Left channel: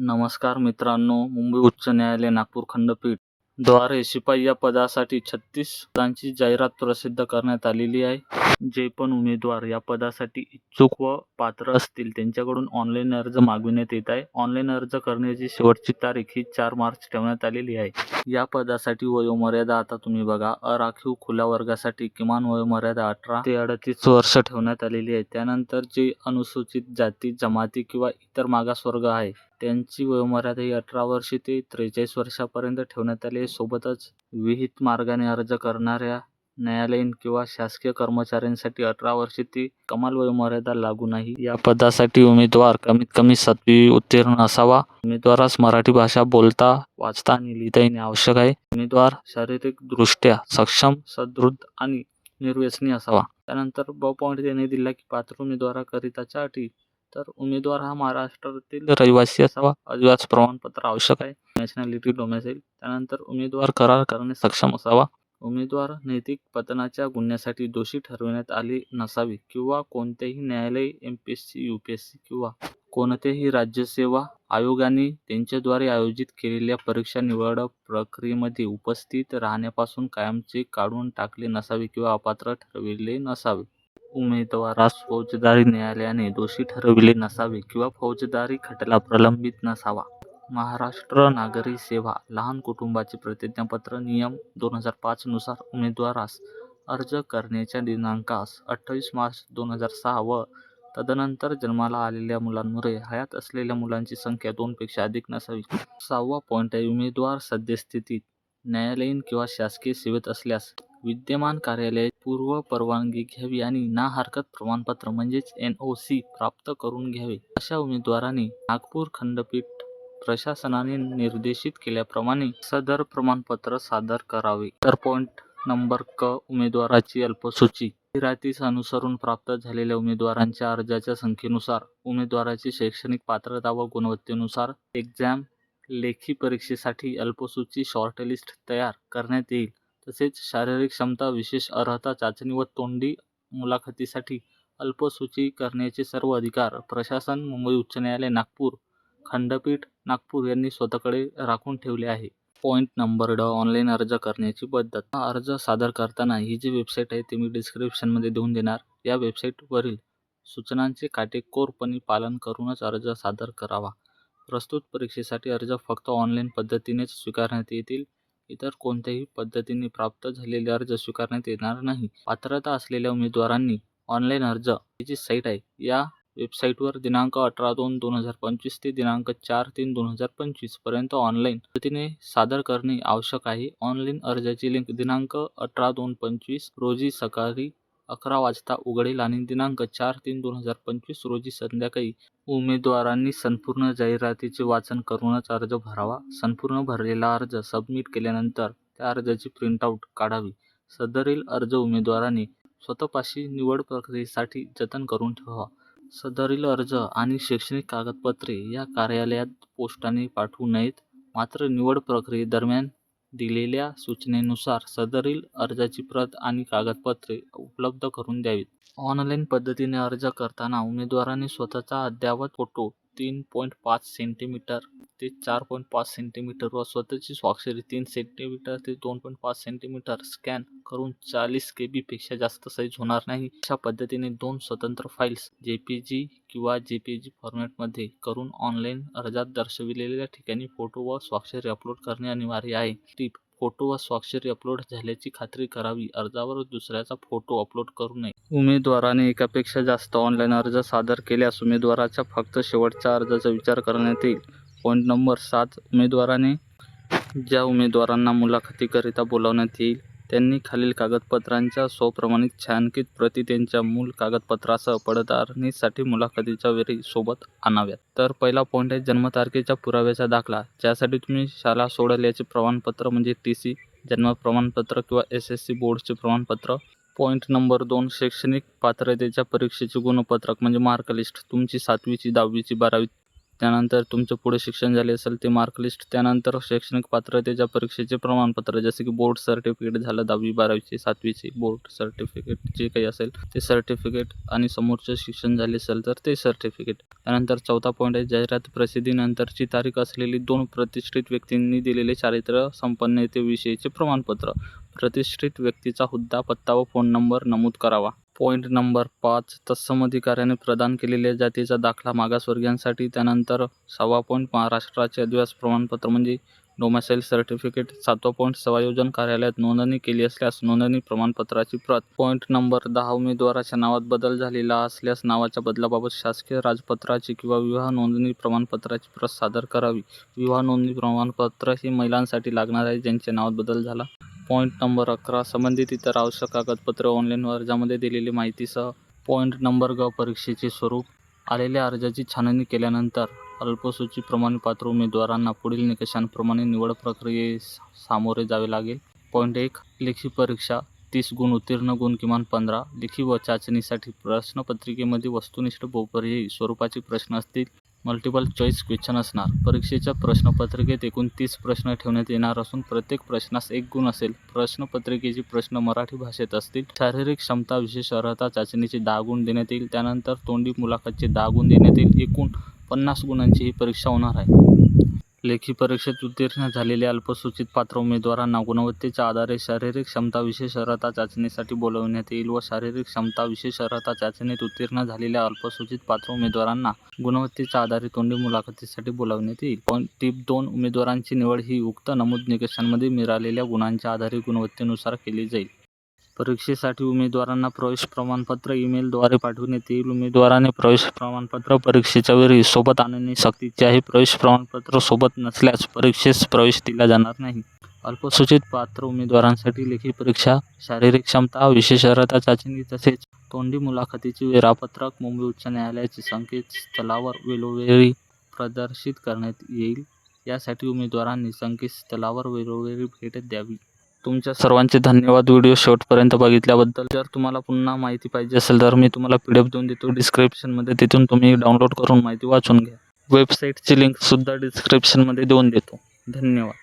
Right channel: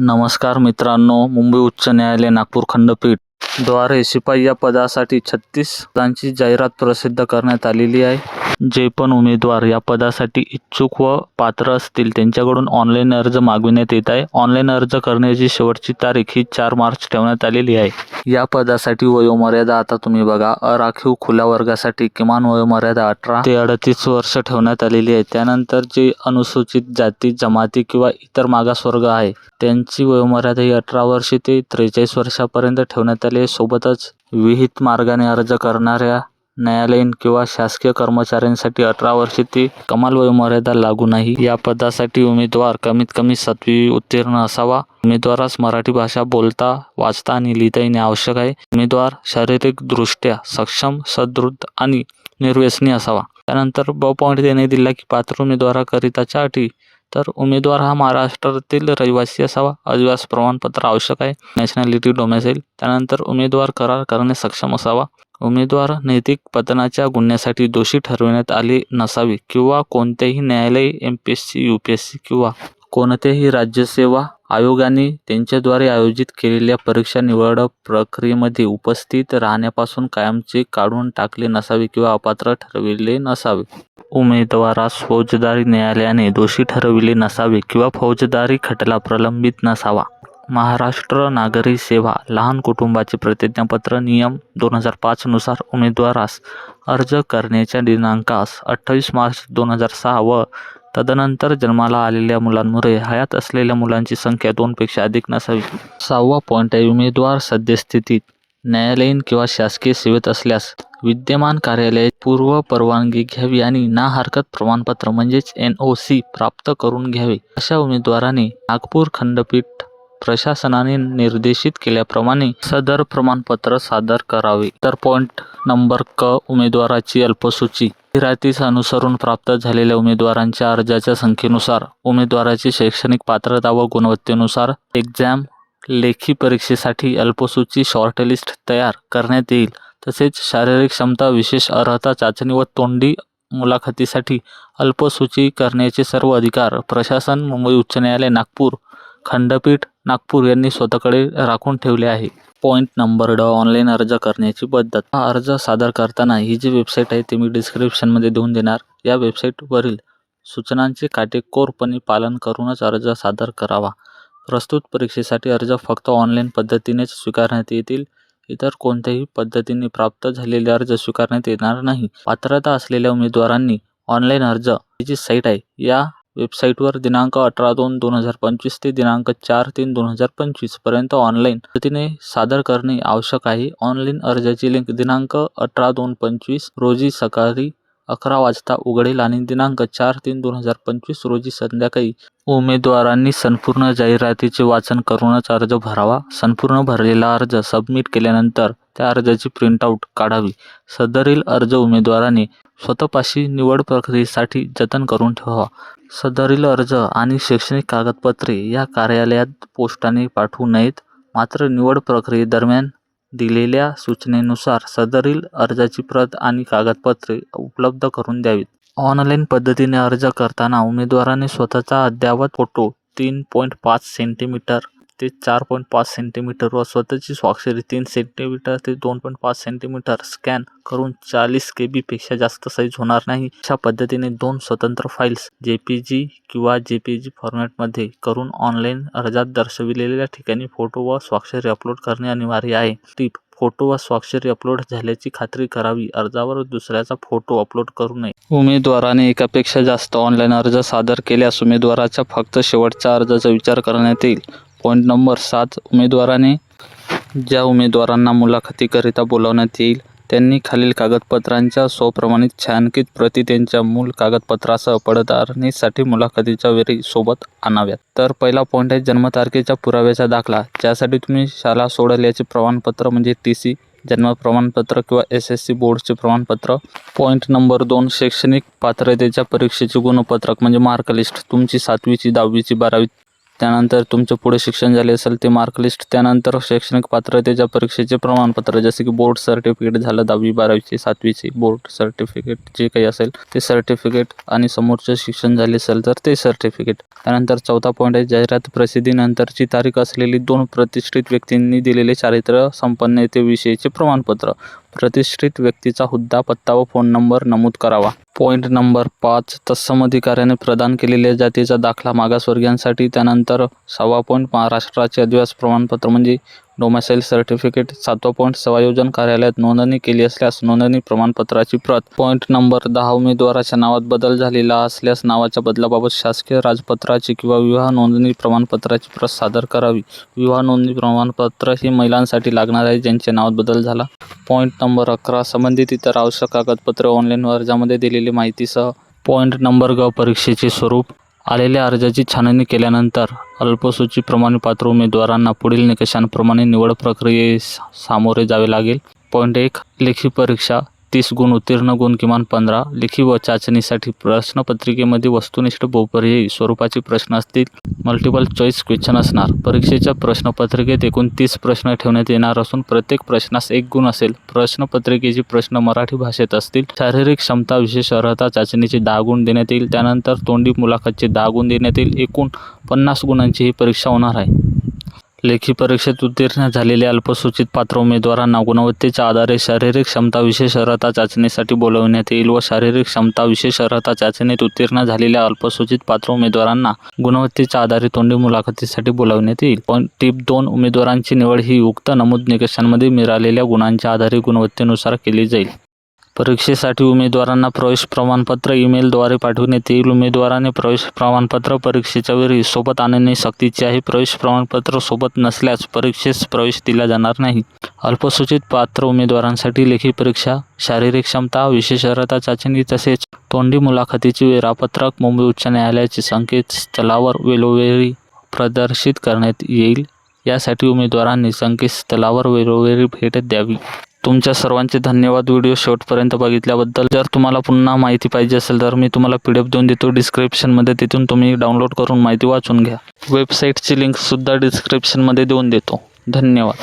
नमस्कार मित्रांनो मुंबई उच्च न्यायालय नागपूर खंडपीठ. द्वारे शिपाई या पदासाठी छत्तीस पदांची जाहिरात प्रसिद्ध करण्यात आलेली आहे. जे पण उमेदवार या पदासाठी इच्छुक व पात्र असतील त्यांच्याकडून ऑनलाईन अर्ज मागविण्यात येत आहे. ऑनलाईन अर्ज करण्याची शेवटची तारीख ही चार मार्च ठेवण्यात आलेली आहे. या पदासाठी वयोमर्यादा आता तुम्ही बघा अराखीव खुल्या वर्गासाठी किमान वयोमर्यादा अठरा ते अडतीस वर्ष ठेवण्यात आलेली आहे. त्यानंतर जे अनुसूचित जाती जमाती किंवा इतर मागासवर्ग आहे त्यांची वयोमर्यादा ही अठरा वर्षे ते त्रेचाळीस वर्षापर्यंत ठेवण्यात आली आहे सोबतच विहित मार्गाने अर्ज करणाऱ्या न्यायालयीन किंवा शासकीय कर्मचाऱ्यांसाठी अठरा वर्षे ते कमाल वयोमर्यादा लागू नाही. या पदासाठी उमेदवार कमीत कमी सातवी उत्तीर्ण असावा. उमेदवारास मराठी भाषा बोलता वाचता आणि लिहिता येणे आवश्यक आहे. उमेदवार शारीरिकदृष्ट्या सक्षम सदृढ आणि निर्व्यसनी असावा. त्यानंतर ब पॉईंट देणे दिला की पात्र उमेदवाराकरिताच्या अटी तर उमेदवार हा महाराष्ट्रातील रहिवासी असावा. अधिवास प्रमाणपत्र आवश्यक आहे. नॅशनॅलिटी डोमेसाईल त्यानंतर उमेदवार करार करणे सक्षम असावा. उमेदवार नैतिक पतनाच्या गुन्ह्यासाठी दोषी ठरविण्यात आले नसावे किंवा कोणतेही न्यायालय M P S C U P S C किंवा कोणतेही राज्यसेवा आयोगाने त्यांच्याद्वारे आयोजित केलेल्या परीक्षा निवड प्रक्रियेमध्ये उपस्थित राहण्यापासून कायमचे काढून टाकले नसावे किंवा अपात्र ठरविले नसावे. उमेदवारास फौजदारी न्यायालयाने दोषी ठरविले नसावे किंवा फौजदारी खटला प्रलंबित नसावा. महाराष्ट्र नागरी सेवा लहान कुटुंबाचे प्रतिज्ञापत्र नियम दोन हजार पाचनुसार उमेदवारास अर्ज करण्याच्या दिनांकास अठ्ठावीस मार्च दोन हजार सहा व तदनंतर जन्माला आलेल्या मुलांमुळे हयात असलेल्या मुलांची संख्या दोनपेक्षा अधिक नसावी. सहावा पॉईंट आहे उमेदवार सद्यस्थितीत न्यायालयीन किंवा शासकीय सेवेत असल्यास विद्यमान कार्यालय पूर्व परवानगी घ्यावी आणि ना हरकत प्रमाणपत्र म्हणजेच एन ओ सी प्राप्त करून घ्यावे. अशा उमेदवाराने नागपूर खंडपीठ प्रशासनाने निर्देशित केल्याप्रमाणे सदर प्रमाणपत्र सादर करावे. तर पॉईंट नंबर क उमेदवाराची अल्पसूची. जाहिरातीस अनुसरून प्राप्त झालेल्या उमेदवारांच्या अर्जाच्या संख्येनुसार उमेदवाराची शैक्षणिक पात्रता व गुणवत्तेनुसार एक्झाम लेखी परीक्षेसाठी अल्पसूची शॉर्टलिस्ट तयार करण्यात येईल. तसेच शारीरिक क्षमता विशेष अर्हता चाचणी व तोंडी मुलाखतीसाठी अल्पसूची करण्याचे सर्व अधिकार प्रशासन मुंबई उच्च न्यायालय नागपूर खंडपीठ नागपूर यांनी स्वतःकडे राखून ठेवले आहे. पॉईंट नंबर ड ऑनलाईन अर्ज करण्याची पद्धत. हा अर्ज सादर करताना ही जी वेबसाईट आहे ती मी डिस्क्रिप्शनमध्ये देऊन देणार. या वेबसाईटवरील सूचनांचे काटेकोरपणे पालन करूनच अर्ज सादर करावा. प्रस्तुत परीक्षेसाठी अर्ज फक्त ऑनलाईन पद्धतीनेच स्वीकारण्यात येतील. इतर कोणत्याही पद्धतीने प्राप्त झालेले अर्ज स्वीकारण्यात येणार नाही. पात्रता असलेल्या उमेदवारांनी ऑनलाईन अर्ज ही जी साईट आहे या वेबसाईटवर दिनांक अठरा दोन दोन हजार पंचवीस ते दिनांक चार तीन दोन हजार पंचवीसपर्यंत ऑनलाईन पद्धतीने सादर करणे आवश्यक आहे. ऑनलाईन अर्जाची लिंक दिनांक अठरा दोन पंचवीस रोजी सकाळी अकरा वाजता उघडेल आणि दिनांक चार तीन दोन हजार पंचवीस रोजी संध्याकाळी उमेदवारांनी संपूर्ण जाहिरातीचे वाचन करूनच अर्ज भरावा. संपूर्ण भरलेला अर्ज सबमिट केल्यानंतर त्या अर्जाची प्रिंटआउट काढावी. सदरील अर्ज उमेदवाराने स्वतःपाशी निवड प्रक्रियेसाठी जतन करून ठेवावा. सदरील अर्ज आणि शैक्षणिक कागदपत्रे या कार्यालयात पोस्टाने पाठवू नयेत. मात्र निवड प्रक्रियेदरम्यान दिलेल्या सूचनेनुसार सदरील अर्जाची प्रत आणि कागदपत्रे उपलब्ध करून द्यावीत. ऑनलाईन पद्धतीने अर्ज करताना उमेदवाराने स्वतःचा अद्ययावत फोटो तीन पॉईंट पाच सेंटीमीटर ते चार पॉईंट पाच सेंटीमीटर व स्वतःची स्वाक्षरी तीन सेंटीमीटर ते दोन पॉईंट पाच सेंटीमीटर स्कॅन करून चाळीस के बीपेक्षा जास्त साईज होणार नाही. अशा पद्धतीने दोन स्वतंत्र फाईल्स जे पी जी किंवा जे पी जी फॉर्मॅटमध्ये करून ऑनलाईन अर्जात दर्शविलेल्या ठिकाणी फोटो व स्वाक्षरी अपलोड करणे अनिवार्य आहे. टीप फोटो व स्वाक्षरी अपलोड झाल्याची खात्री करावी. अर्जावर दुसऱ्याचा फोटो अपलोड करू नये. उमेदवाराने एकापेक्षा जास्त ऑनलाईन अर्ज सादर केल्यास उमेदवाराच्या फक्त शेवटच्या अर्जाचा विचार करण्यात येईल. पॉईंट नंबर सात उमेदवाराने ज्या उमेदवारांना मुलाखतीकरिता बोलावण्यात येईल त्यांनी खालील कागदपत्रांच्या स्वप्रमाणित छायांकित प्रती त्यांच्या मूल कागदपत्रासह पडताळणीसाठी मुलाखतीच्या वेळी सोबत आणाव्यात. तर पहिला पॉईंट आहे जन्मतारखेच्या पुराव्याचा दाखला. ज्यासाठी तुम्ही शाळा सोडल्याचे प्रमाणपत्र म्हणजे टी सी जन्म प्रमाणपत्र किंवा एस एस सी बोर्डचे प्रमाणपत्र. पॉईंट नंबर दोन शैक्षणिक पात्रतेच्या परीक्षेचे गुणपत्रक म्हणजे मार्कलिस्ट तुमची सातवीची दहावीची बारावी त्यानंतर तुमचं पुढे शिक्षण झाले असेल ते मार्कलिस्ट त्यानंतर शैक्षणिक पात्रतेच्या परीक्षेचे प्रमाणपत्र जसे की बोर्ड सर्टिफिकेट झालं दहावी बारावीचे सातवीचे बोर्ड सर्टिफिकेट जे काही असेल ते सर्टिफिकेट आणि समोरचं शिक्षण झाले असेल तर ते सर्टिफिकेट त्यानंतर चौथा पॉईंट आहे जाहिरात प्रसिद्धीनंतरची तारीख असलेली दोन प्रतिष्ठित व्यक्तींनी दिलेले चारित्र्य संपन्नतेविषयीचे प्रमाणपत्र. प्रतिष्ठित व्यक्तीचा हुद्दा पत्ता व फोन नंबर नमूद करावा. पॉईंट नंबर पाच तत्सम अधिकाऱ्याने प्रदान केलेल्या जातीचा दाखला मागासवर्गीयांसाठी त्यानंतर सहावा पॉईंट महाराष्ट्राचे आदिवासी प्रमाणपत्र म्हणजे डोमासाईल सर्टिफिकेट सातवा पॉईंट सेवायोजन कार्यालयात नोंदणी केली असल्यास नोंदणी प्रमाणपत्राची प्रत. पॉईंट नंबर दहा उमेदवाराच्या नावात बदल झालेला असल्यास नावाच्या बदलाबाबत शासकीय राजपत्राची किंवा विवाह नोंदणी प्रमाणपत्राची प्रत सादर करावी. विवाह नोंदणी प्रमाणपत्र हे महिलांसाठी लागणार आहे ज्यांच्या नावात बदल झाला. पॉईंट नंबर अकरा संबंधित इतर आवश्यक कागदपत्रे ऑनलाईन अर्जामध्ये दिलेली माहितीसह. पॉईंट नंबर ग परीक्षेचे स्वरूप. आलेल्या अर्जाची छाननी केल्यानंतर अल्पसूची प्रमाणे पात्र उमेदवारांना पुढील निकषांप्रमाणे निवड प्रक्रियेस सामोरे जावे लागेल. पॉईंट एक लेखी परीक्षा तीस गुण उत्तीर्ण गुण किमान पंधरा. लेखी व चाचणीसाठी प्रश्नपत्रिकेमध्ये वस्तुनिष्ठ बहुपर्यायी स्वरूपाचे प्रश्न असतील. मल्टिपल चॉईस क्वेश्चन असणार. परीक्षेच्या प्रश्नपत्रिकेत एकूण तीस प्रश्न ठेवण्यात येणार असून प्रत्येक प्रश्नास एक गुण असेल. प्रश्नपत्रिकेचे प्रश्न मराठी भाषेत असतील. शारीरिक क्षमता विशेष अर्हता चाचणीचे दहा गुण देण्यात येईल. त्यानंतर तोंडी मुलाखतचे दहा गुण देण्यात येईल. एकूण पन्नास गुणांची ही परीक्षा होणार आहे. लेखी परीक्षेत उत्तीर्ण झालेल्या अल्पसूचित पात्र उमेदवारांना गुणवत्तेच्या आधारे शारीरिक क्षमता विशेष अर्हता चाचणीसाठी बोलवण्यात येईल व शारीरिक क्षमता विशेष अर्हता चाचणीत उत्तीर्ण झालेल्या अल्पसूचित पात्र उमेदवारांना गुणवत्तेच्या आधारे तोंडी मुलाखतीसाठी बोलावण्यात येईल. पण टीप दोन उमेदवारांची निवड ही उक्त नमूद निकषांमध्ये मिळालेल्या गुणांच्या आधारे गुणवत्तेनुसार केली जाईल. परीक्षेसाठी उमेदवारांना प्रवेश प्रमाणपत्र ईमेलद्वारे पाठवण्यात येईल उमेदवाराने प्रवेश प्रमाणपत्र परीक्षेच्या वेळी सोबत आणणे सक्तीचे आहे. प्रवेश प्रमाणपत्र सोबत नसल्यास परीक्षेस प्रवेश दिला जाणार नाही. अल्पसूचित पात्र उमेदवारांसाठी लेखी परीक्षा शारीरिक क्षमता विशेष अर्हता चाचणी तसेच तोंडी मुलाखतीचे वेळापत्रक मुंबई उच्च न्यायालयाचे संकेतस्थळावर वेळोवेळी प्रदर्शित करण्यात येईल. यासाठी उमेदवारांनी संकेतस्थळावर वेळोवेळी भेट द्यावी. तुमच्या सर्वांचे धन्यवाद व्हिडिओ शेवटपर्यंत बघितल्याबद्दल. जर तुम्हाला पुन्हा माहिती पाहिजे असेल तर मी तुम्हाला पी डी एफ देऊन देतो. डिस्क्रिप्शनमध्ये तिथून तुम्ही डाउनलोड करून माहिती वाचून घ्या. वेबसाईटची लिंकसुद्धा डिस्क्रिप्शनमध्ये देऊन देतो. धन्यवाद.